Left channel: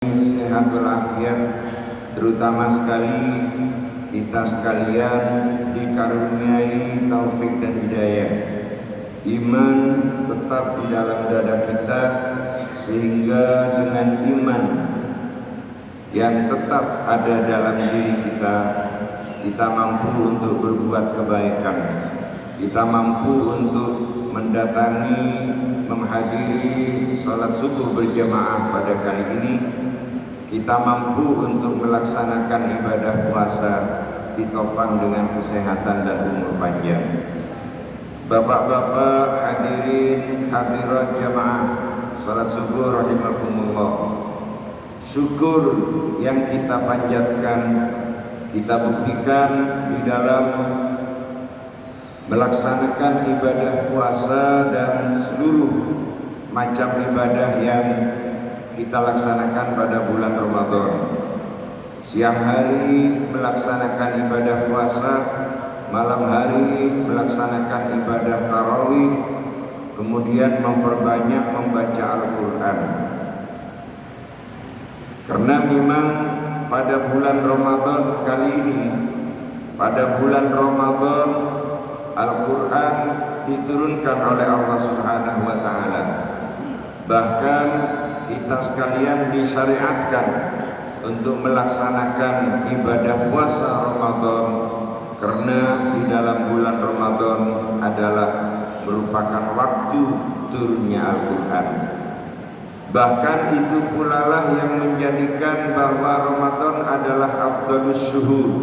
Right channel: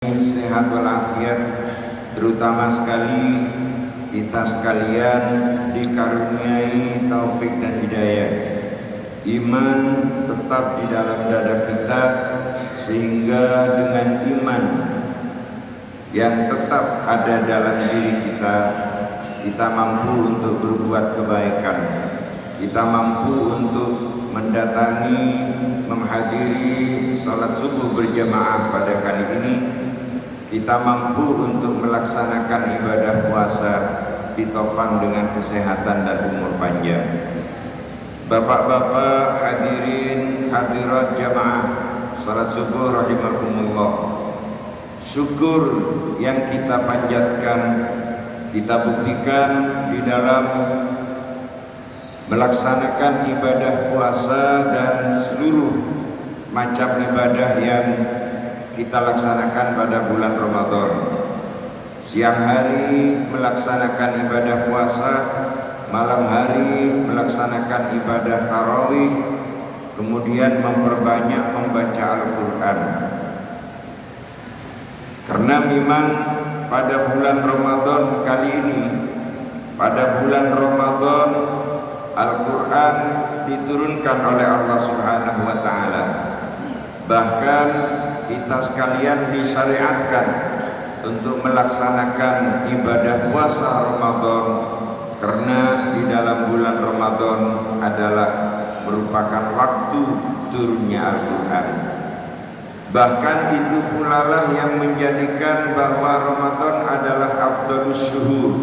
Sehat walafiat, terutama sekali kita sekalian dikaruniai taufik dan hidayah, iman tetap di dalam dada kita, sehingga dengan iman yang tetap ada dalam diri kita, kita mampu untuk berbuat kebaikan, kita mampu untuk mendatangi, menghadiri salat subuh berjamaah pada kali ini, kita mampu untuk melaksanakan ibadah puasa ditopang dengan kesehatan dan umur panjang. Bapak-bapak hadirin hadirat jamaah salat subuh rahimakumullah, syukur yang kita panjatkan, kita buktikan di dalam melaksanakan ibadah puasa dan seluruh macam ibadah yang kita laksanakan pada bulan Ramadan. Siang hari melaksanakan ibadah puasa, malam hari melaksanakan ibadah tarawih, kemudian memperbanyak membaca Al-Quran. Karena memang pada bulan Ramadan kali ini, pada bulan Ramadan Al-Quran diturunkan oleh Allah Subhanahu wa Ta'ala. Bahkan kita sekalian disyariatkan untuk melaksanakan ibadah puasa Ramadan, karena di dalam bulan Ramadan adalah merupakan waktu turunnya Al-Quran. Bahkan itu pula lah yang menjadikan bahwa Ramadan adalah afdalus syuhur,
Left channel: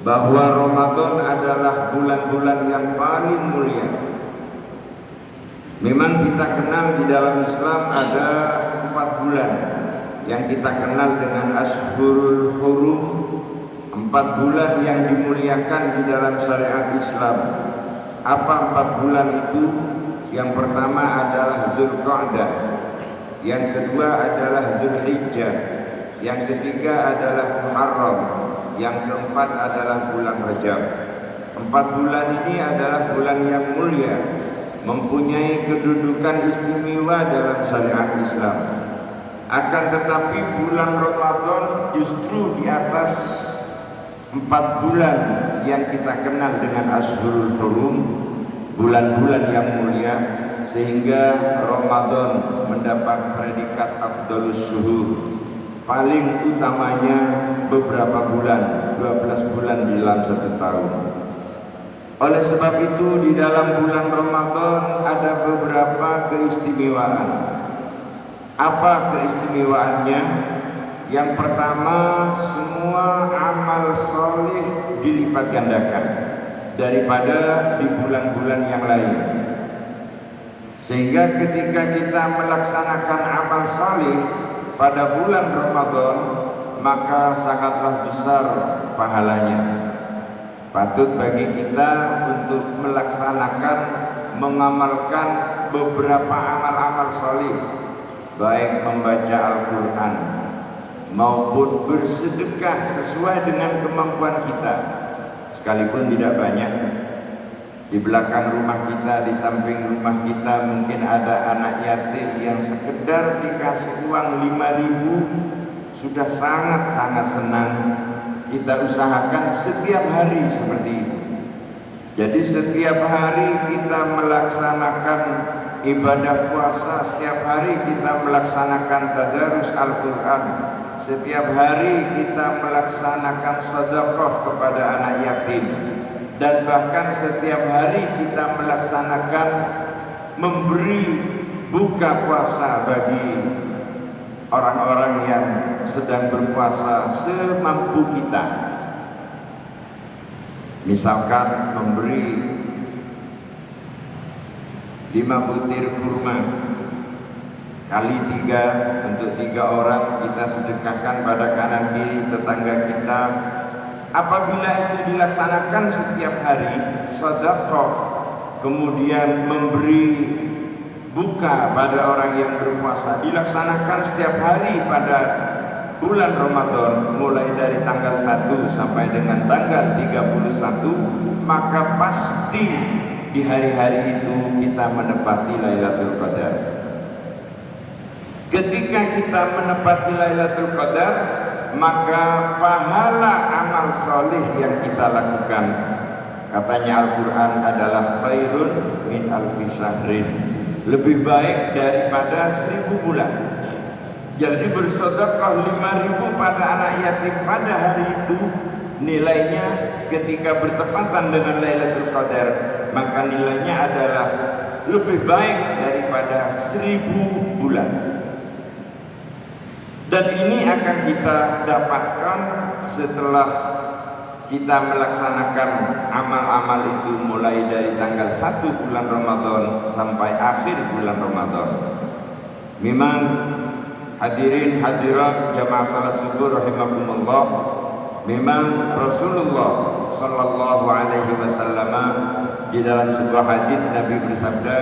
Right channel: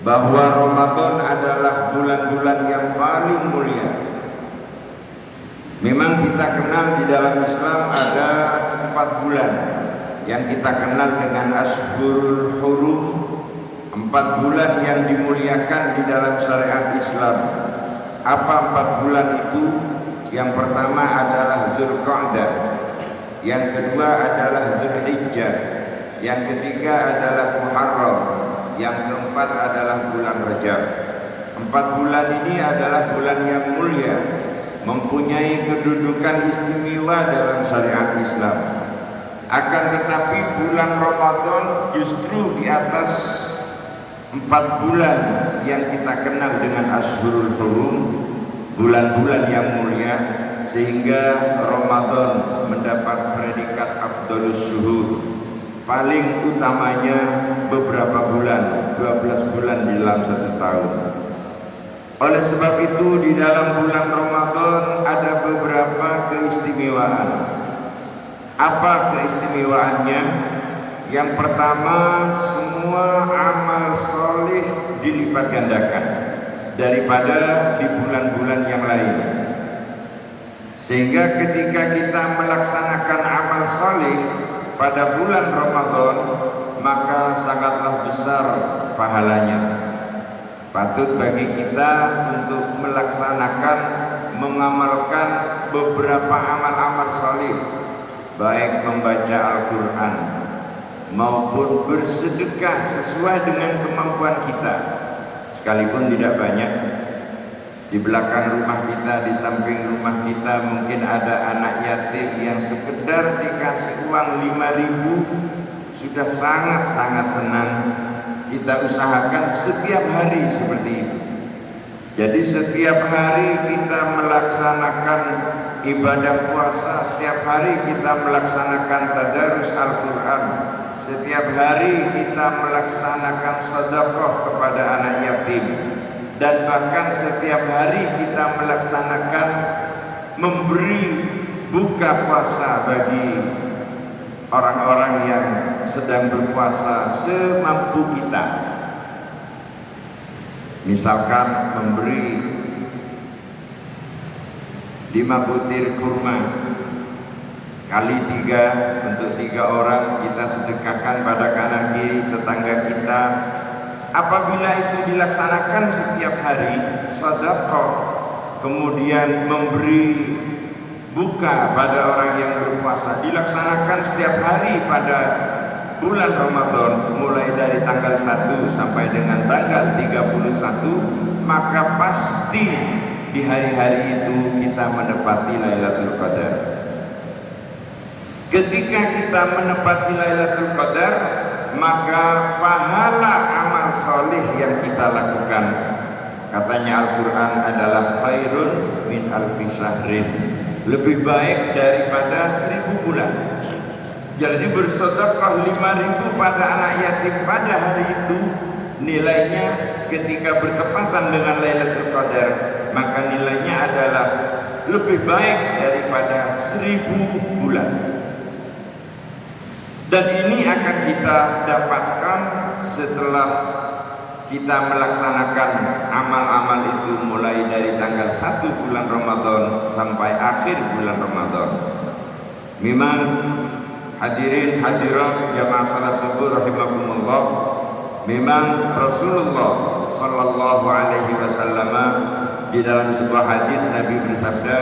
bahwa Ramadan adalah bulan-bulan yang paling mulia. Memang kita kenal di dalam Islam ada 4 bulan yang kita kenal dengan Ashhurul Hurum, 4 bulan yang dimuliakan di dalam syariat Islam. Apa 4 bulan itu? Yang pertama adalah Zulqa'dah, yang kedua adalah Zulhijjah, yang ketiga adalah Muharram, yang keempat adalah bulan Rajab. 4 bulan ini adalah bulan yang mulia, mempunyai kedudukan istimewa dalam syariat Islam. Akan tetapi bulan Ramadan justru di atas 4 bulan yang kita kenal dengan Ashhurul Hurum, bulan-bulan yang mulia, sehingga Ramadan mendapat predikat afdalus syuhur. Paling utamanya beberapa bulan, 12 bulan di dalam 1 tahun. Oleh sebab itu di dalam bulan Ramadan ada beberapa keistimewaan. Apa keistimewaannya? Yang pertama, semua amal soleh dilipat gandakan daripada di bulan-bulan yang lain. Sehingga ketika kita melaksanakan amal soleh pada bulan Ramadan, maka sangatlah besar pahalanya. Patut bagi kita untuk melaksanakan, mengamalkan beberapa amal-amal salih, baik membaca Al-Quran maupun bersedekah sesuai dengan kemampuan kita, sekalipun tidak banyak. Di belakang rumah kita, di samping rumah kita mungkin ada anak yatim yang sekedar dikasih uang 5.000 sudah sangat-sangat senang. Kita usahakan setiap hari seperti itu. Jadi setiap hari kita melaksanakan ibadah puasa, setiap hari kita melaksanakan tadarus Al-Quran, setiap hari kita melaksanakan sedekah kepada anak yatim, dan bahkan setiap hari kita melaksanakan memberi buka puasa bagi orang-orang yang sedang berpuasa semampu kita. Misalkan memberi 5 butir kurma kali 3 untuk 3 orang, kita sedekahkan pada kanan kiri tetangga kita. Apabila itu dilaksanakan setiap hari, sedekah, kemudian memberi buka pada orang yang berpuasa, dilaksanakan setiap hari pada bulan Ramadan, mulai dari tanggal 1 sampai dengan tanggal 31, maka pasti di hari-hari itu kita menepati Lailatul Qadar. Ketika kita menepati Lailatul Qadar, maka pahala amal soleh yang kita lakukan, katanya Al-Quran, adalah khairun min alfi syahrin, lebih baik daripada 1000 bulan. Jadi bersedekah 5.000 pada anak yatim pada hari itu, nilainya ketika bertepatan dengan Lailatul Qadar, maka nilainya adalah lebih baik daripada 1000 bulan. Dan ini akan kita dapatkan setelah kita melaksanakan amal-amal itu mulai dari tanggal 1 bulan Ramadan sampai akhir bulan Ramadan. Memang hadirin hadirat jamaah salat subuh rahimakumullah, memang Rasulullah sallallahu alaihi wasallam di dalam sebuah hadis Nabi bersabda,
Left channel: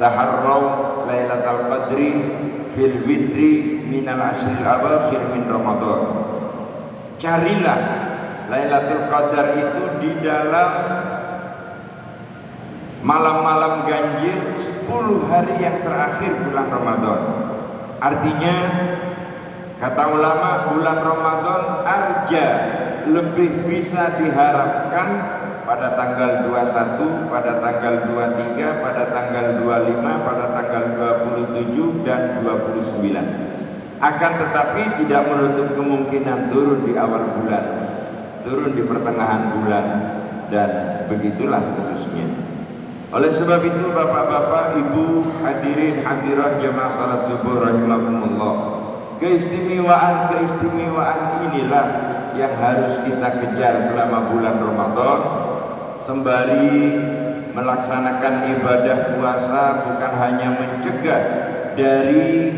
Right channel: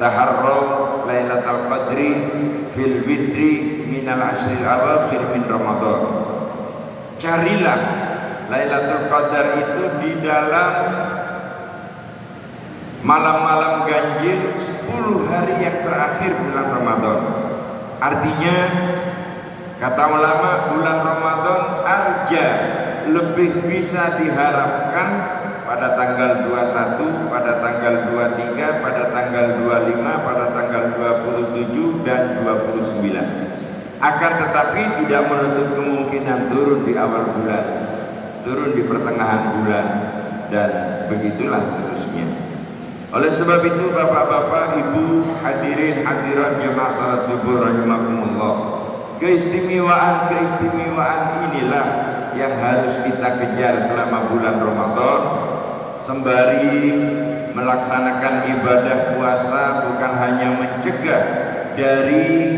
taharraw lailatul qadri fil witri minal ashril awakhir min Ramadan. Carilah Lailatul Qadar itu di dalam malam-malam ganjil 10 hari yang terakhir bulan Ramadan. Artinya kata ulama, bulan Ramadan arja, lebih bisa diharapkan pada tanggal 21, pada tanggal 23, pada tanggal 25, pada tanggal 27 dan 29. Akan tetapi tidak menutup kemungkinan turun di awal bulan, turun di pertengahan bulan, dan begitulah seterusnya. Oleh sebab itu bapak-bapak, ibu, hadirin hadirat jemaah salat subuh rahimakumullah, keistimewaan inilah yang harus kita kejar selama bulan Ramadan, sembari melaksanakan ibadah puasa, bukan hanya mencegah dari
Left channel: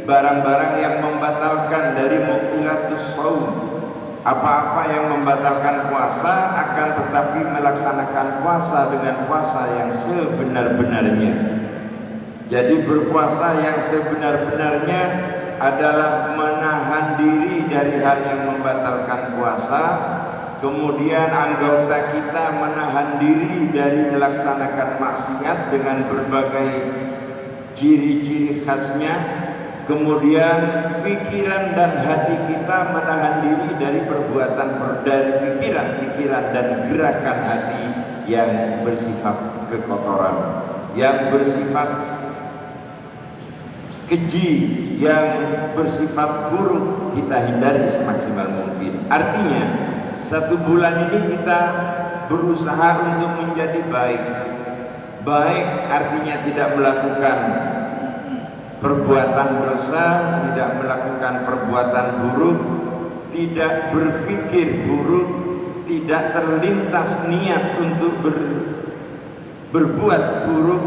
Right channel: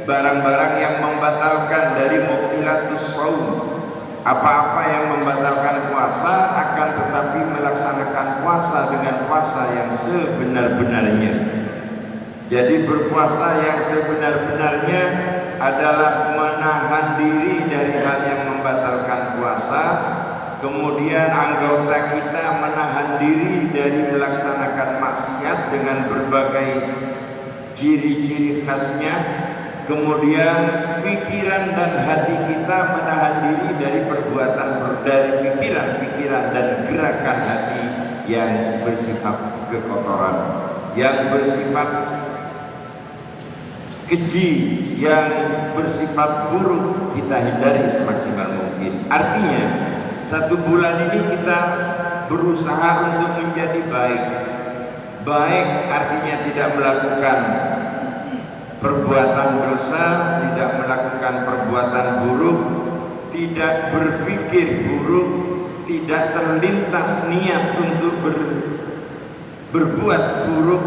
barang-barang yang membatalkan, dari mubtilatus shaum, apa-apa yang membatalkan puasa, akan tetapi melaksanakan puasa dengan puasa yang sebenar-benarnya. Jadi berpuasa yang sebenar-benarnya adalah menahan diri dari hal yang membatalkan puasa, kemudian anggota kita menahan diri dari melaksanakan maksiat dengan berbagai ciri-ciri khasnya, kemudian pikiran dan hati kita menahan diri dari perbuatan, dari pikiran dan gerakan hati yang bersifat kekotoran, yang bersifat keji, yang bersifat buruk, kita hindari semaksimal mungkin. Artinya 1 bulan ini kita berusaha untuk menjadi baik. Baik artinya tidak melakukan perbuatan dosa, tidak melakukan perbuatan buruk, tidak berpikir buruk, tidak terlintas niat untuk berbuat buruk,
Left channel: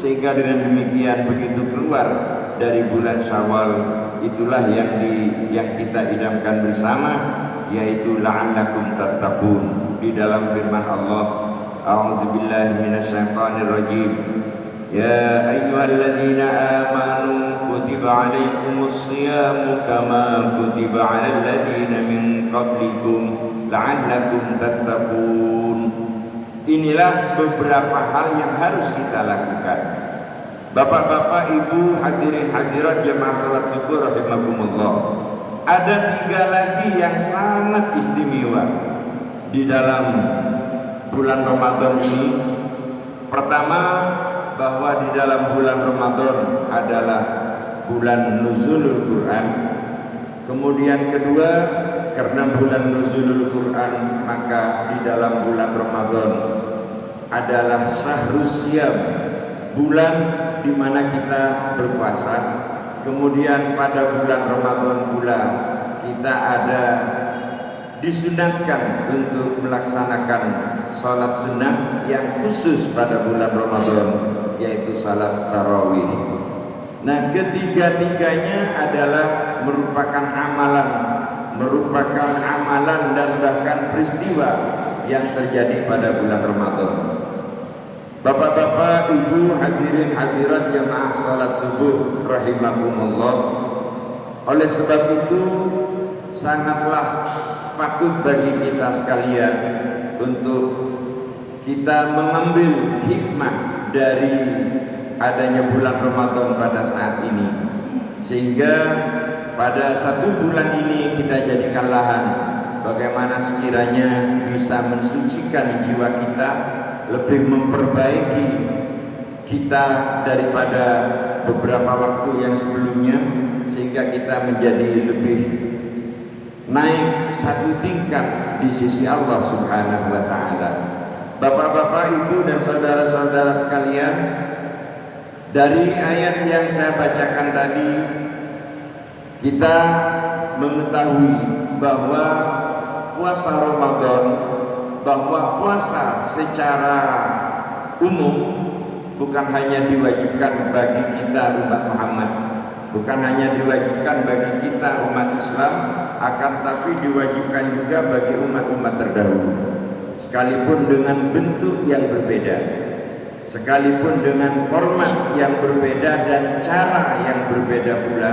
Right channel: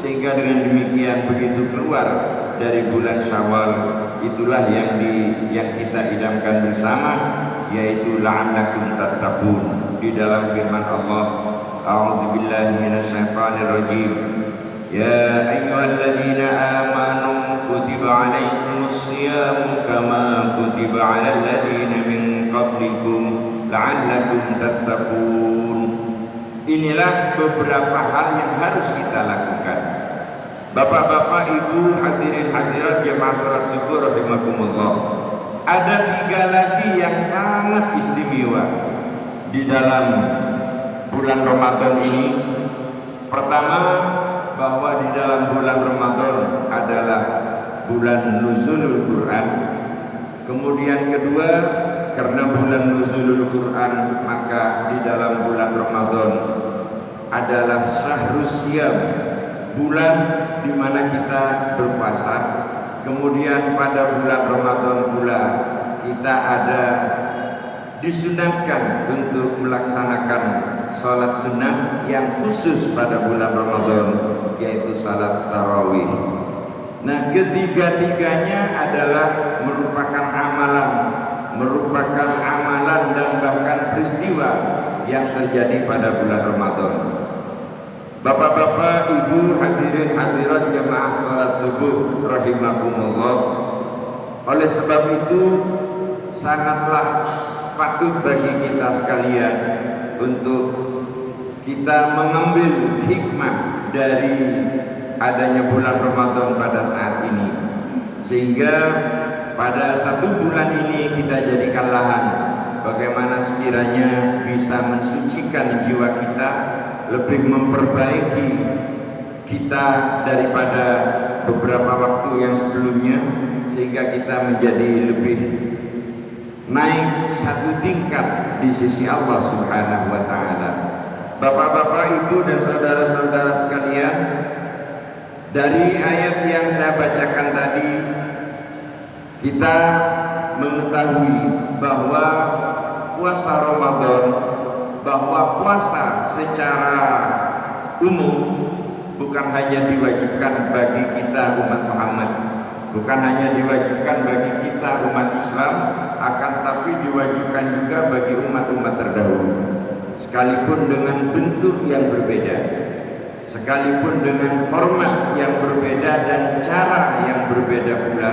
sehingga dengan demikian begitu keluar dari bulan Syawal, itulah yang kita idamkan bersama, yaitu la'allakum tattaqun. Di dalam firman Allah, a'udzubillahi minasyaitonir rajim, ya ayyuhalladzina amanu kutiba alaikumus shiyamu kama kutiba alal ladzina min qablikum la'allakum tattaqun. Inilah beberapa hal yang harus kita lakukan. Bapak-bapak, ibu, hadirin hadirat jemaah salat subuh rahimakumullah, ada 3 lagi yang sangat istimewa di dalam bulan Ramadan ini. Pertama, bahwa di dalam bulan Ramadan adalah bulan nuzulul Quran. Kemudian kedua, karena bulan nuzulul Quran, maka di dalam bulan Ramadan adalah syahrus syam, bulan di mana kita berpuasa. Kemudian pada bulan Ramadan pula kita ada disunahkan untuk melaksanakan salat sunnah yang khusus pada bulan Ramadan, yaitu salat tarawih. Nah, ketiga-tiganya adalah merupakan amalan dan bahkan peristiwa yang terjadi pada bulan Ramadan. Bapak-bapak, ibu, hadirin hadirat jemaah salat subuh rahimakumullah, oleh sebab itu sangatlah patut bagi kita sekalian untuk kita mengambil hikmah dari adanya bulan Ramadan pada saat ini. sehingga pada 1 bulan ini kita jadikan lahan bagaimana sekiranya bisa mensucikan jiwa kita, lebih memperbaiki kita daripada beberapa waktu yang sebelumnya, sehingga kita menjadi lebih naik 1 tingkat di sisi Allah Subhanahu wa Ta'ala. Bapak-bapak, ibu, dan saudara-saudara sekalian, dari ayat yang saya bacakan tadi, kita mengetahui bahwa puasa Ramadan, bahwa puasa secara umum bukan hanya diwajibkan bagi kita umat Muhammad, bukan hanya diwajibkan bagi kita umat Islam, akan tapi diwajibkan juga bagi umat-umat terdahulu, sekalipun dengan bentuk yang berbeda, sekalipun dengan format yang berbeda dan cara yang berbeda pula.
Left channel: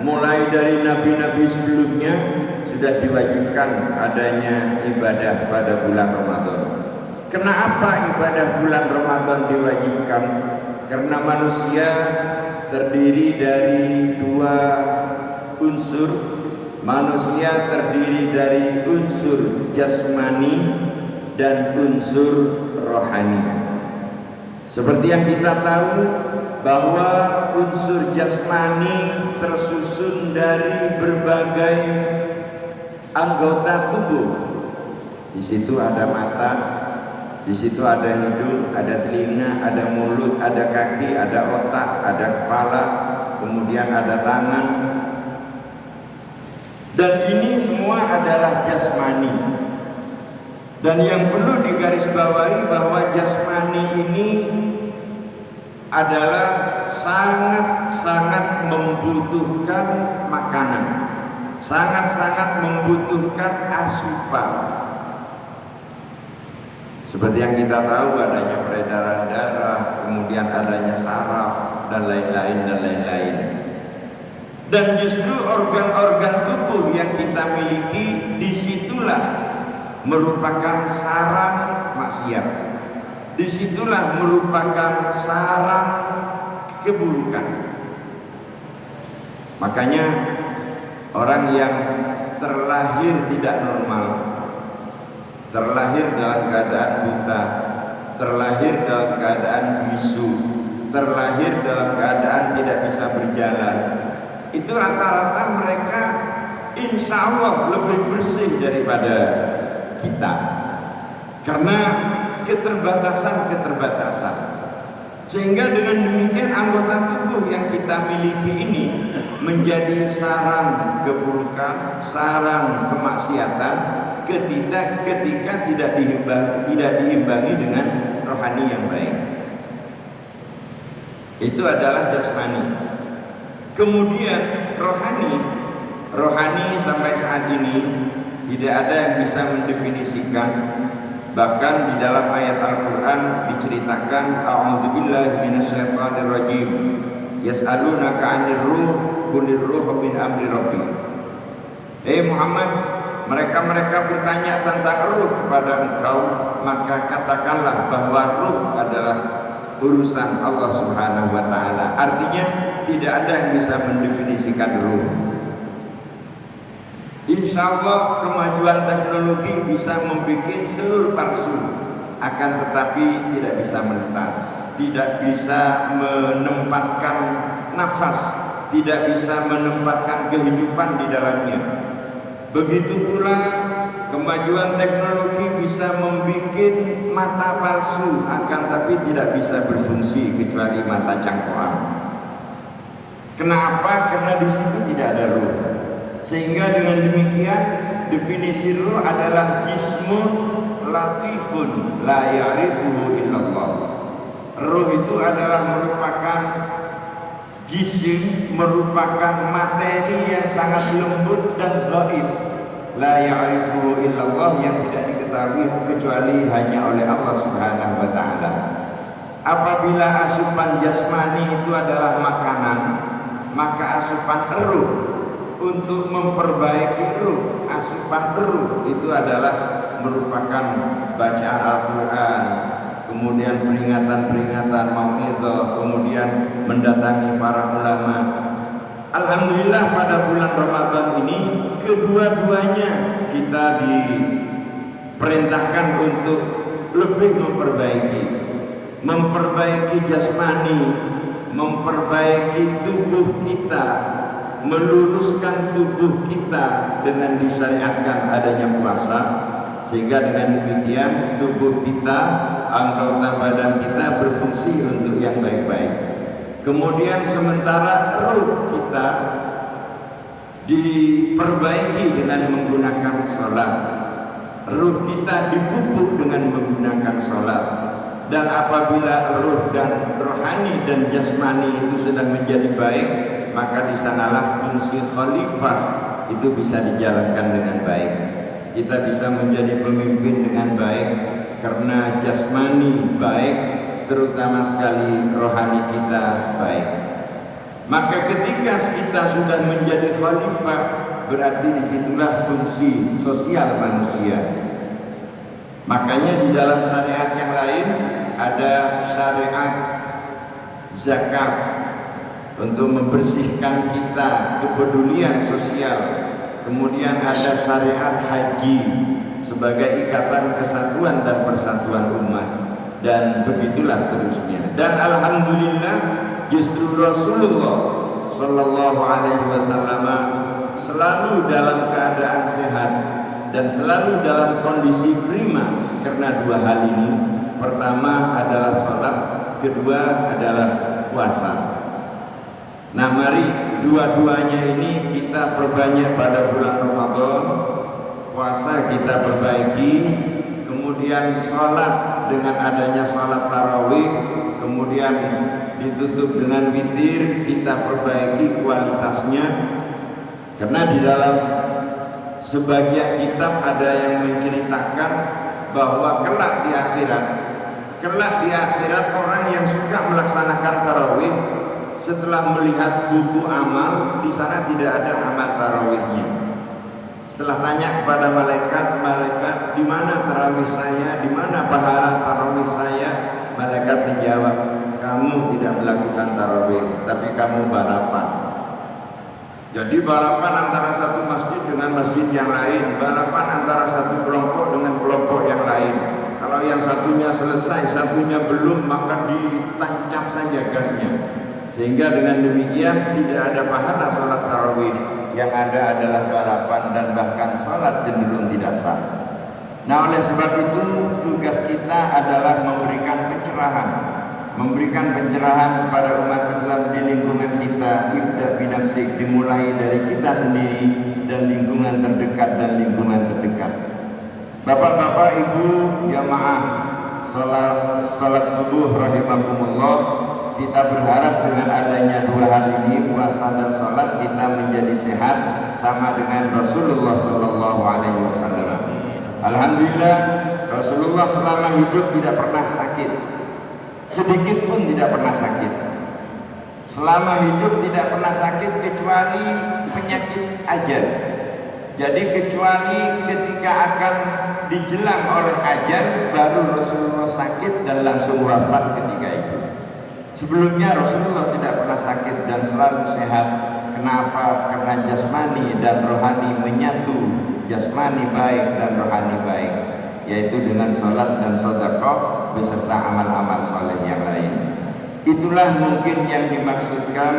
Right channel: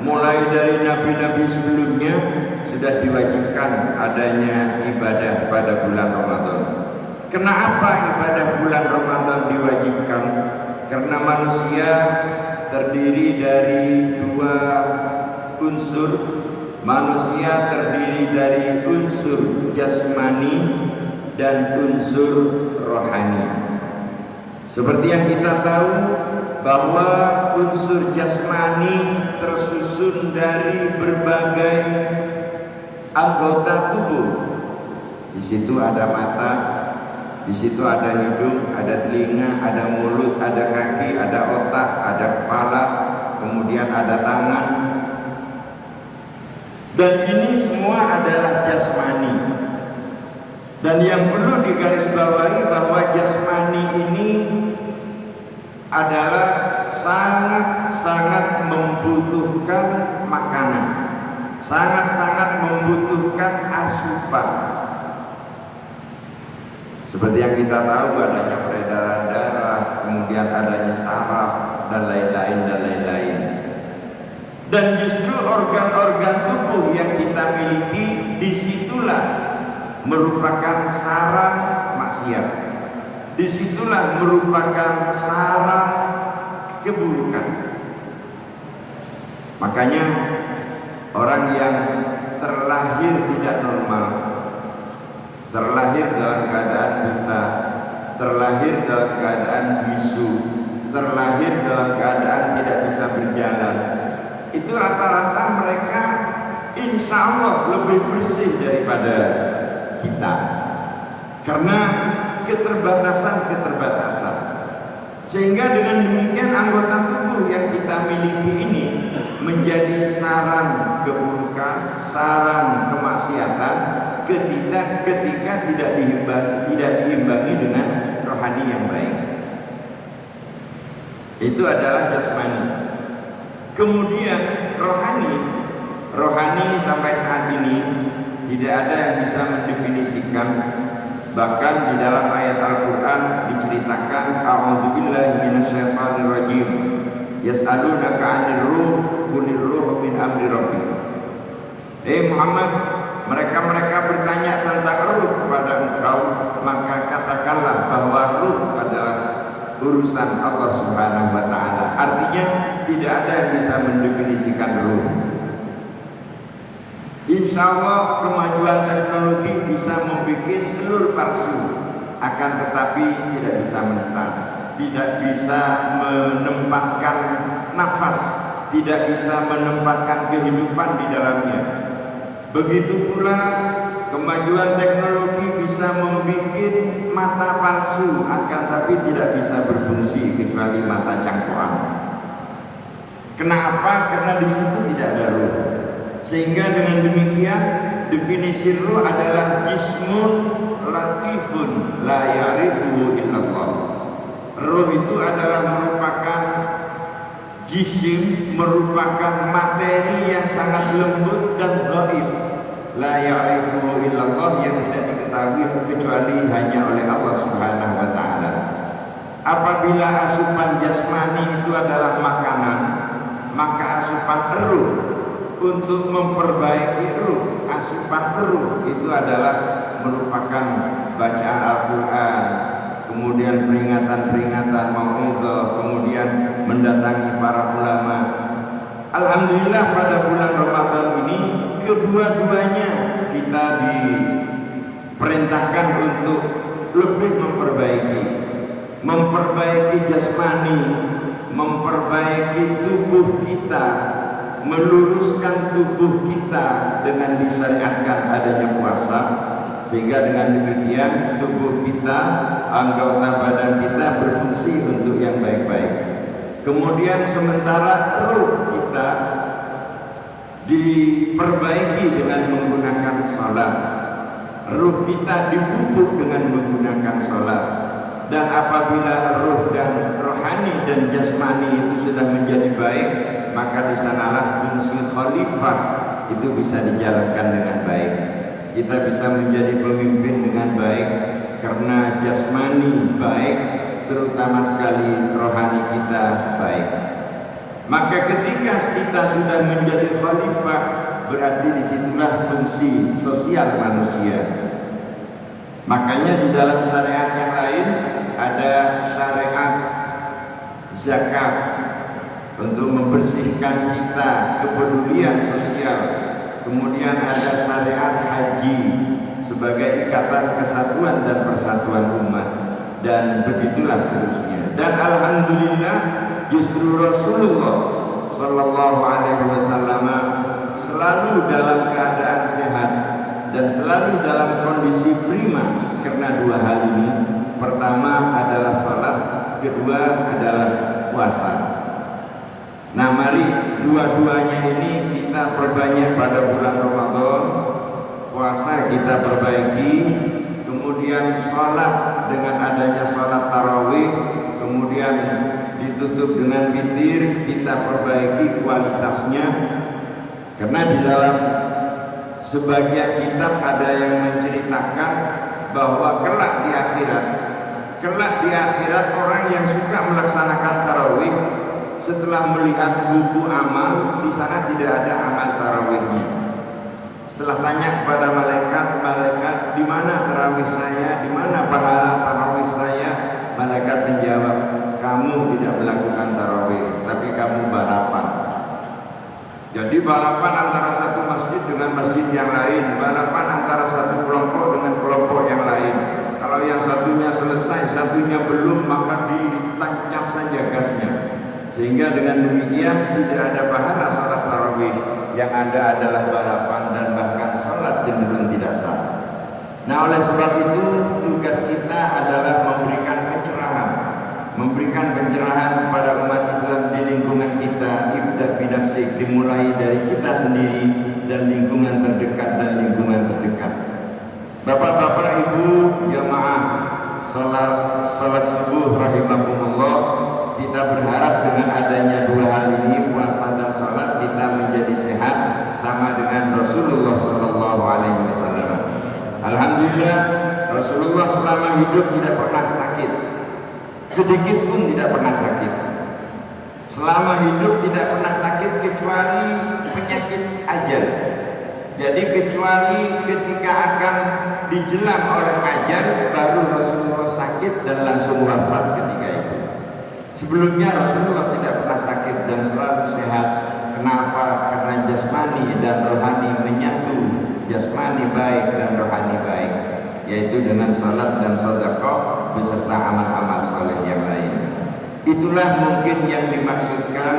Mulai dari nabi-nabi sebelumnya sudah diwajibkan adanya ibadah pada bulan Ramadan. Kenapa ibadah bulan Ramadan diwajibkan? Karena manusia terdiri dari 2 unsur. Manusia terdiri dari unsur jasmani dan unsur rohani. Seperti yang kita tahu bahwa unsur jasmani tersusun dari berbagai anggota tubuh. Di situ ada mata, di situ ada hidung, ada telinga, ada mulut, ada kaki, ada otak, ada kepala, kemudian ada tangan. Dan ini semua adalah jasmani. Dan yang perlu digarisbawahi bahwa jasmani ini adalah sangat-sangat membutuhkan makanan, sangat-sangat membutuhkan asupan. Seperti yang kita tahu, adanya peredaran darah, kemudian adanya saraf, dan lain-lain dan lain-lain. Dan justru organ-organ tubuh yang kita miliki, disitulah merupakan sarang maksiat. Disitulah merupakan sarang keburukan. Makanya orang yang terlahir tidak normal, terlahir dalam keadaan buta, terlahir dalam keadaan bisu, terlahir dalam keadaan tidak bisa berjalan, itu rata-rata mereka insya Allah lebih bersih daripada kita, karena keterbatasan. Sehingga dengan demikian anggota tubuh yang kita miliki ini menjadi sarang keburukan, sarang kemaksiatan ketika tidak diimbangi dengan rohani yang baik. Itu adalah jasmani. Kemudian rohani sampai saat ini tidak ada yang bisa mendefinisikan. Bahkan di dalam ayat Al-Quran diceritakan, a'udzubillahi minasyaitonirrajim, yas'alunaka 'anir ruh, qulil ruh min amri rabbi. Muhammad, mereka bertanya tentang ruh kepada engkau, maka katakanlah bahwa ruh adalah urusan Allah Subhanahu wa Ta'ala. Artinya tidak ada yang bisa mendefinisikan ruh. Insya Allah kemajuan teknologi bisa membuat telur palsu, akan tetapi tidak bisa menetas, tidak bisa menempatkan nafas, tidak bisa menempatkan kehidupan di dalamnya. Begitu pula kemajuan teknologi bisa membuat mata palsu, akan tapi tidak bisa berfungsi kecuali mata cangkokan. Kenapa? Karena di situ tidak ada ruh. Sehingga dengan demikian definisi ruh adalah jismun latifun la ya'rifuhu illallah. Ruh itu adalah merupakan jisim, merupakan materi yang sangat lembut dan gaib, la ya'rifuhu illallah, yang tidak diketahui kecuali hanya oleh Allah Subhanahu wa Ta'ala. Apabila asupan jasmani itu adalah makanan, maka asupan ruh untuk memperbaiki ruh, asupan ruh itu adalah merupakan bacaan Al-Quran, kemudian peringatan-peringatan mau'izah, kemudian mendatangi para ulama. Alhamdulillah pada bulan Ramadan ini kedua-duanya kita diperintahkan untuk lebih memperbaiki jasmani, memperbaiki tubuh kita, meluruskan tubuh kita dengan disyariatkan adanya puasa, sehingga dengan demikian tubuh kita, anggota badan kita berfungsi untuk yang baik-baik. Kemudian sementara ruh kita diperbaiki dengan menggunakan sholat, ruh kita dipupuk dengan menggunakan sholat. Dan apabila ruh dan rohani dan jasmani itu sudah menjadi baik, maka di sanalah fungsi khalifah itu bisa dijalankan dengan baik. Kita bisa menjadi pemimpin dengan baik karena jasmani baik, terutama sekali rohani kita baik. Maka ketika kita sudah menjadi khalifah, berarti disitulah fungsi sosial manusia. Makanya di dalam syariat yang lain ada syariat zakat untuk membersihkan kita, kepedulian sosial. Kemudian ada syariat haji sebagai ikatan kesatuan dan persatuan umat, dan begitulah seterusnya. Dan alhamdulillah justru Rasulullah Sallallahu Alaihi Wasallam selalu dalam keadaan sehat dan selalu dalam kondisi prima karena dua hal ini. Pertama adalah salat, kedua adalah puasa. Nah, mari dua-duanya ini kita perbanyak pada bulan Ramadan. Puasa kita perbaiki, kemudian salat dengan adanya salat tarawih, kemudian ditutup dengan witir, kita perbaiki kualitasnya. Karena di dalam sebagian kitab ada yang menceritakan bahwa kelak di akhirat orang yang suka melaksanakan tarawih setelah melihat buku amal, di sana tidak ada amal tarawihnya. Setelah tanya kepada malaikat, di mana tarawih saya, di mana pahala tarawih saya? Malaikat menjawab, kamu tidak melakukan tarawih, tapi kamu balapan. Jadi balapan antara satu masjid dengan masjid yang lain, balapan antara satu kelompok dengan kelompok yang lain. Kalau yang satunya selesai, satunya belum, maka ditancap saja gasnya. Sehingga dengan demikian tidak ada pahala sholat tarawih, yang ada adalah balapan dan bahkan sholat cenderung tidak sah. Nah, oleh sebab itu tugas kita adalah memberikan pencerahan kepada umat Islam di lingkungan kita. Ibda binafsik, dimulai dari kita sendiri dan lingkungan terdekat Bapak-bapak, ibu, jamaah salat subuh rahimakumullah, kita berharap dengan adanya dua hal ini, puasa dan salat, kita menjadi sehat sama dengan Rasulullah Sallallahu Alaihi Wasallam. Alhamdulillah, Rasulullah selama hidup tidak pernah sakit, sedikit pun tidak pernah sakit. Selama hidup tidak pernah sakit kecuali penyakit ajal. Jadi kecuali ketika akan dijelang oleh ajal, baru Rasulullah sakit dan langsung wafat ketika itu. Sebelumnya Rasulullah tidak pernah sakit dan selalu sehat. Kenapa? Karena jasmani dan rohani menyatu, jasmani baik dan rohani baik, yaitu dengan salat dan sedekah beserta amal-amal saleh yang lain. Itulah mungkin yang dimaksudkan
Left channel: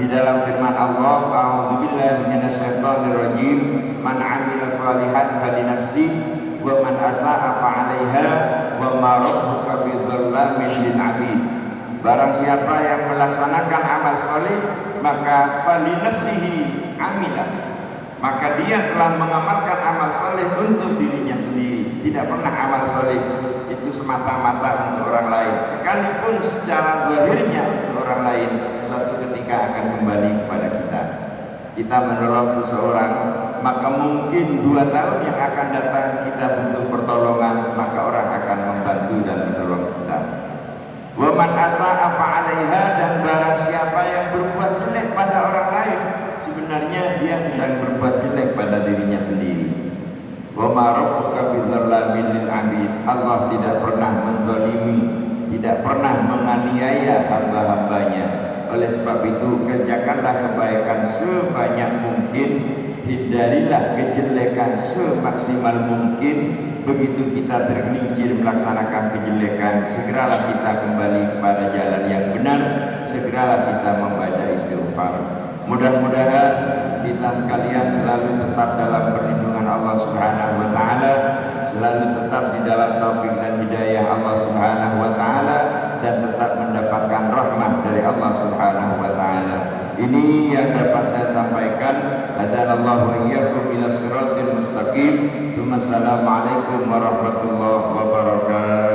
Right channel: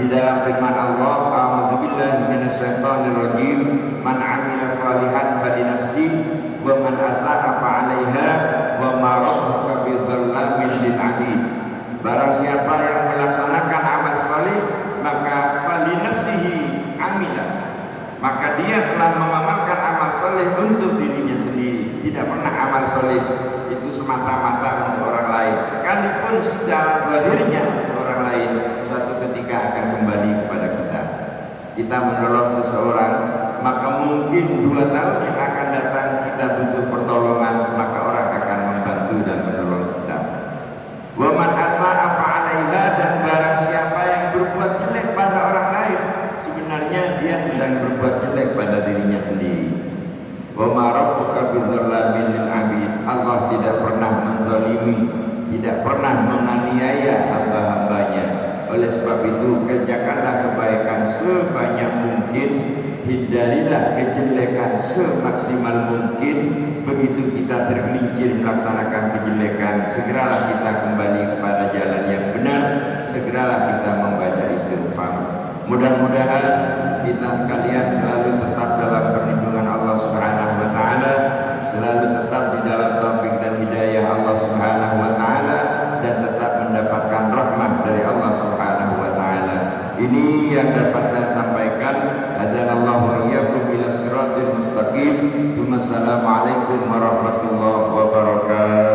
di dalam firman Allah, a'udzubillahi minasyaitonirrajim, man 'amila shalihan falinafsi wa man asa'a fa'alaiha wa ma rabbuka bizallamin lil 'abid. Barang siapa yang melaksanakan amal saleh, maka falinafsihi amila, maka dia telah mengamalkan amal saleh untuk dirinya sendiri. Tidak pernah amal saleh itu semata-mata untuk orang lain, sekalipun secara zahirnya untuk orang lain, suatu ketika akan kembali kepada kita. Kita menolong seseorang, maka mungkin 2 tahun yang akan datang kita butuh pertolongan, maka orang akan membantu dan menolong kita. Wa man asa'a fa'alaiha, dan barang siapa yang berbuat jelek pada orang lain, sebenarnya dia sedang berbuat jelek pada dirinya sendiri. Wa ma rabbuka bizallamin lil 'abid. Allah tidak pernah menzalimi, tidak pernah menganiaya hamba-hambanya. Oleh sebab itu kerjakanlah kebaikan sebanyak mungkin, hindarilah kejelekan semaksimal mungkin. Begitu kita tergelincir melaksanakan kejelekan, segeralah kita kembali kepada jalan yang benar, segeralah kita membaca istighfar. Mudah-mudahan kita sekalian selalu tetap dalam perlindungan Allah Subhanahu wa taala, selalu tetap di dalam taufik dan hidayah Allah Subhanahu wa taala, dan tetap mendapatkan rahmat dari Allah Subhanahu wa taala. Ini yang dapat saya sampaikan. Hadanallahu wa iyyakum ila siratal mustaqim. Assalamualaikum warahmatullahi wabarakatuh.